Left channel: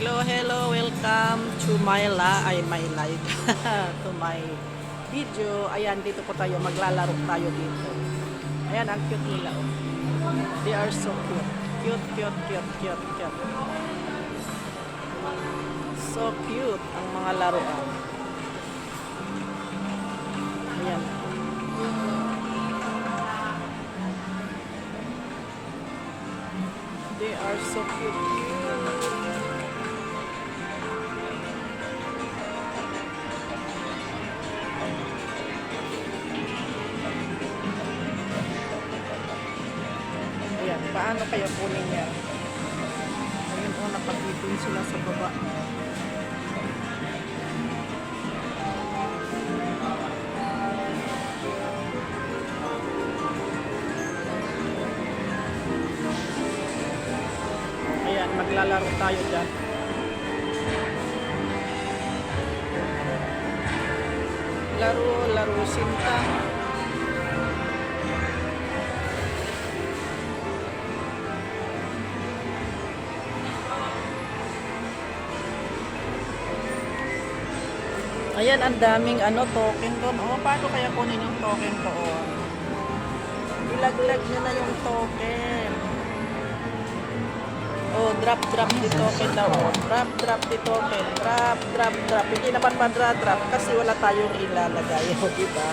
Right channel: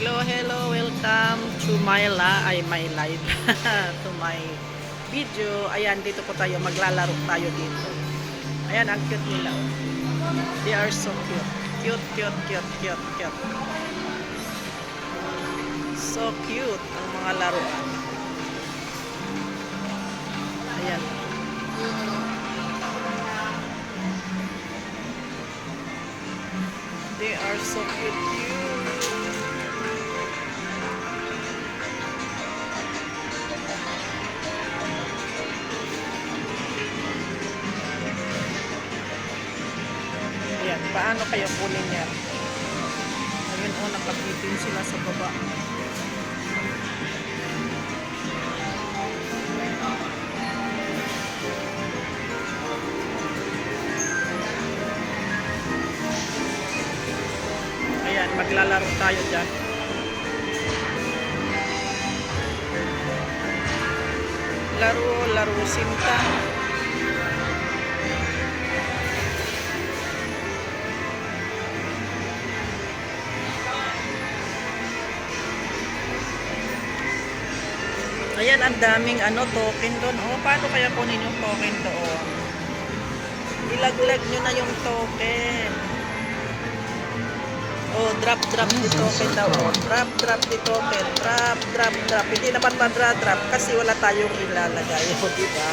Hello, hello, welcome to my live to my video. Ayan, dito po tayo, maglalaro tayo dito. Ayan, ang cute nila, oh. They are so cute. Cute, cute, cute, cute, cute. So cute ang mga laruan. Ayan. They are so cute, cute. Ayan, paano kaya kunin yan? Ayun, oh, nakabitin sila sa baba. Ayan, maglalaro tayo dyan. Laro sinta. Ayan, ang daming token doon. Oh, paano kaya kunin yung token doon? Ilaglag nyo na yung token. Oh, drop the token daw. Oh, drop the token. Drop. Hindi naman madra-drop kasi wala tayong ilalagay. O, diba?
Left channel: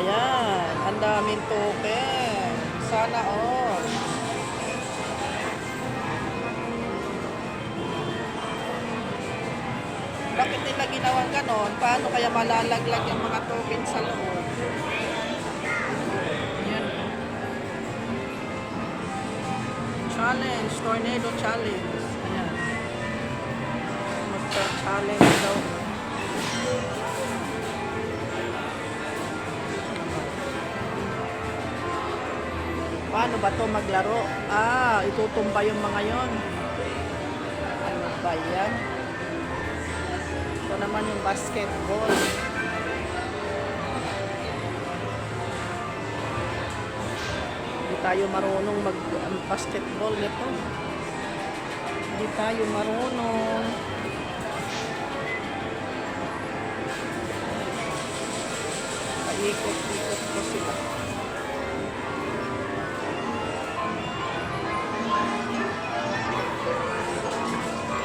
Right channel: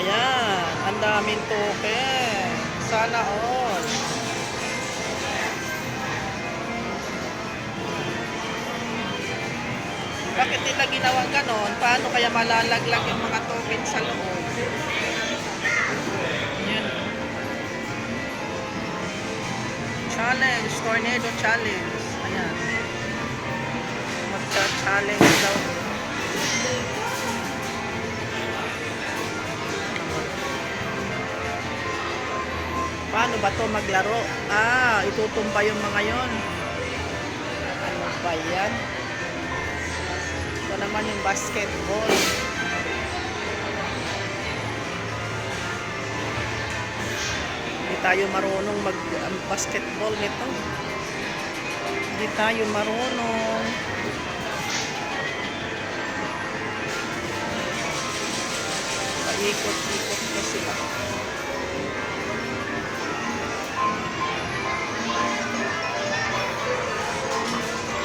Ayan, ang daming token. Sana all. Bakit nila ginawang ganon? Paano kaya malalaglag yung mga token sa loob? Yan. Challenge, tornado challenge. Ayan. Magcha-challenge daw. Paano ba to maglaro? Ah, itutumba yung mga yon. Ano ba yan? Ito naman yung basketball. Hindi tayo marunong mag-basketball nito. Hindi tayo marunong. Paikot-ikot ko sila.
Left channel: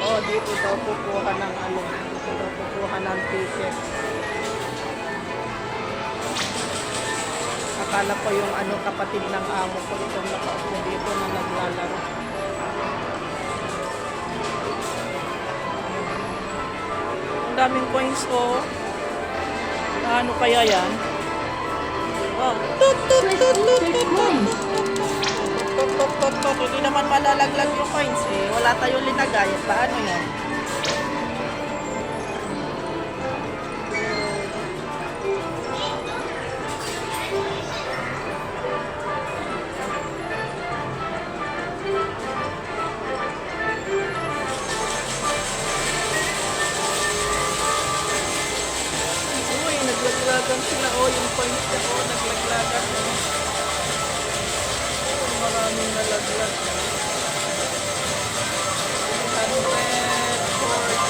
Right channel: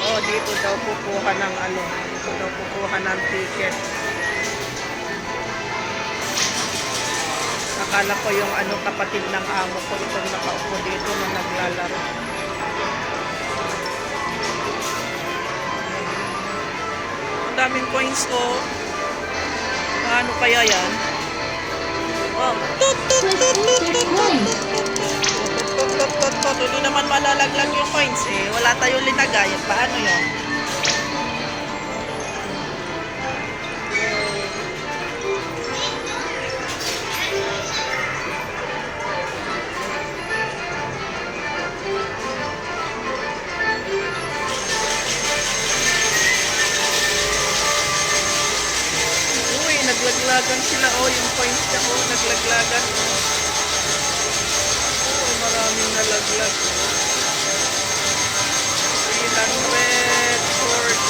Oh, dito daw kukuha ng dito daw kukuha ng ticket. Akala ko yung kapatid ng amo ko itong nakaupo dito na naglalaro. Ang daming coins ko. Paano kaya yan? Oh. Hindi naman malalaglag yung coins eh. Wala tayong linagay. Paano yon? Uy, naglaglagan sila. Oh, yung coins niya. Oh, naglaglagan. Oh, maraming nalaglag. 340.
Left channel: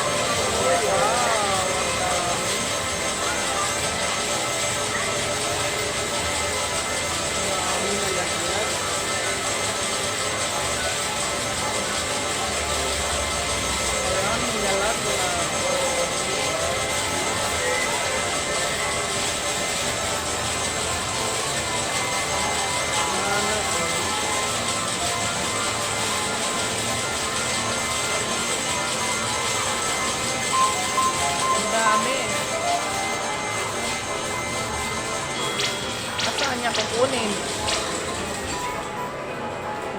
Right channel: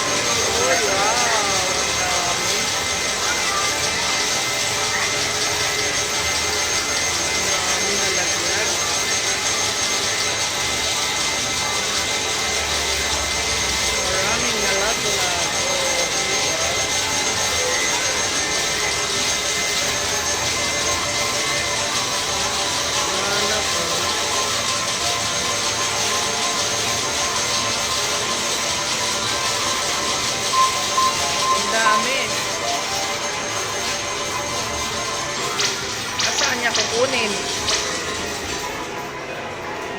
Uy, wow. Ang dami. Maraming nalaglag. Maraming nalaglag. Oh, diba? Sana po. Dami. Asaan niya kukunin?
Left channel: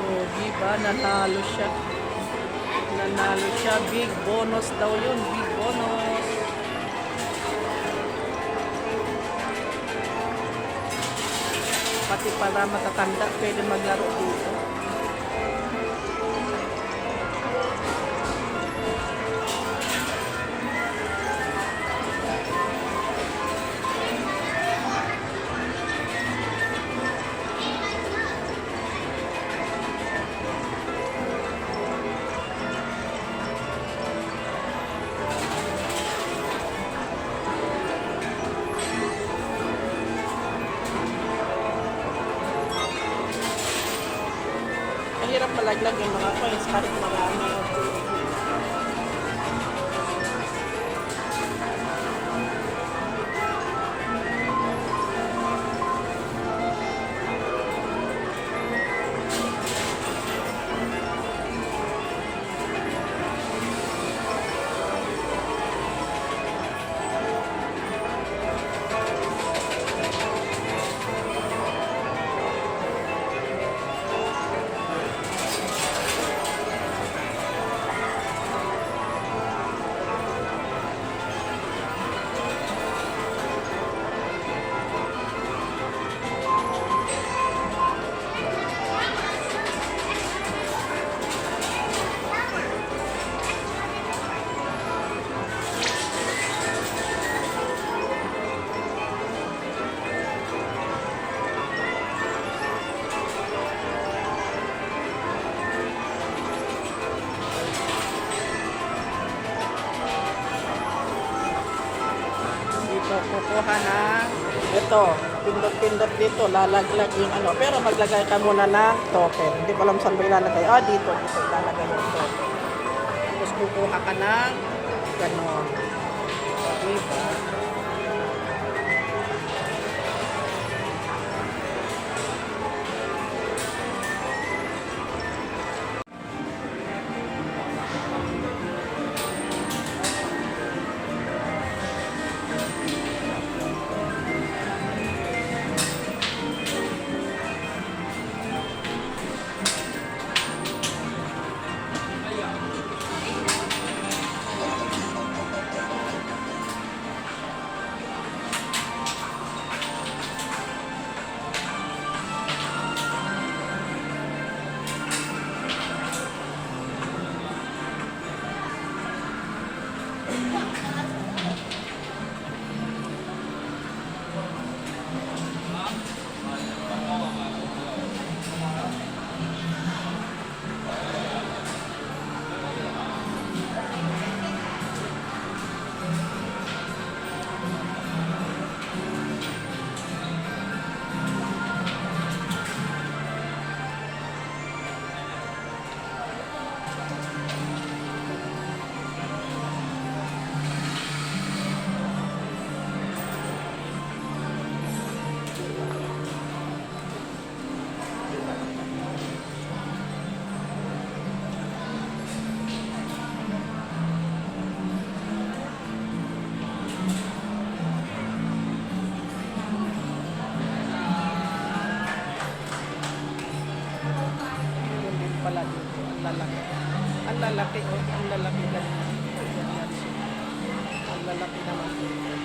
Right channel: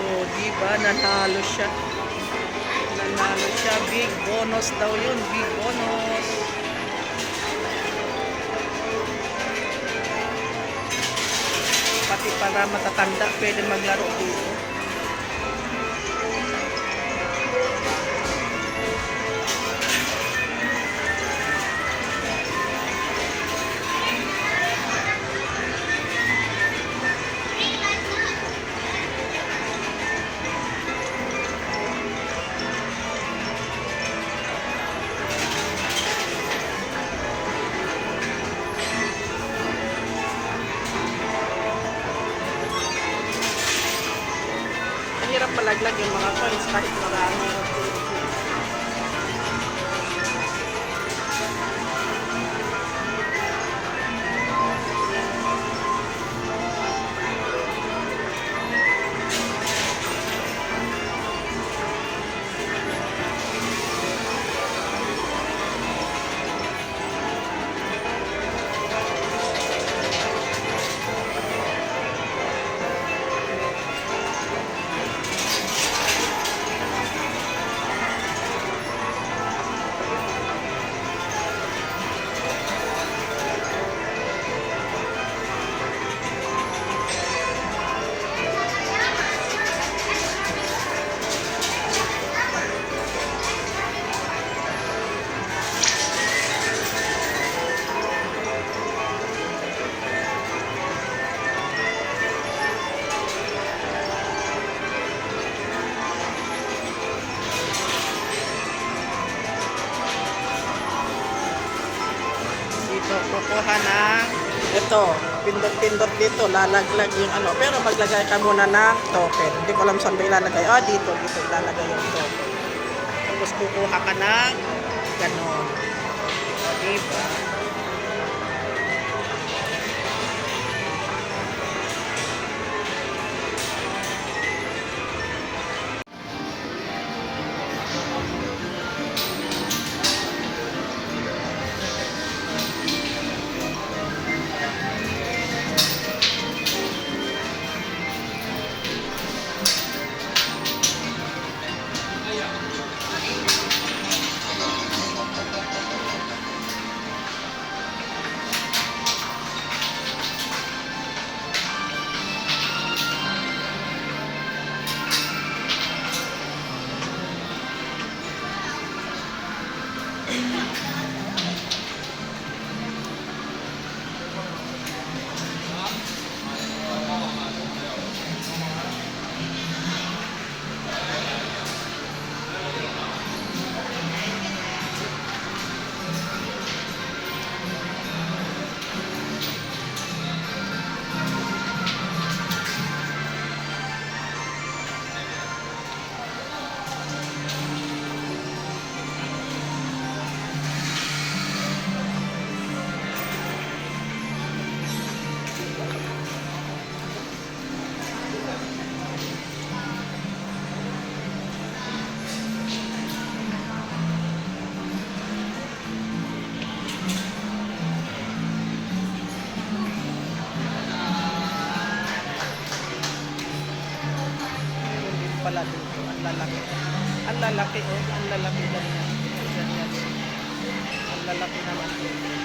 Oh, diba? Nanalo siya. Nanalo siya. Big bonus daw yun. Big bonus. Pati para matatanda, pwede maglaro dito. Lalaglag yung mga coins kahit marami. Dito, kukuha ng ito, pindot-pindot dito, lalaglag yung ano. Pero maglagay ka muna ng token. Hindi ko alam saan ba ilalagay. Dito ilalagay yung token. Tapos kukuha ka ng ganon. O, diba? Pala dito, ang lalaki. Ang lalaki, oh, ang lalaki ganyan. Ganyan. Ang lalaki naman dito.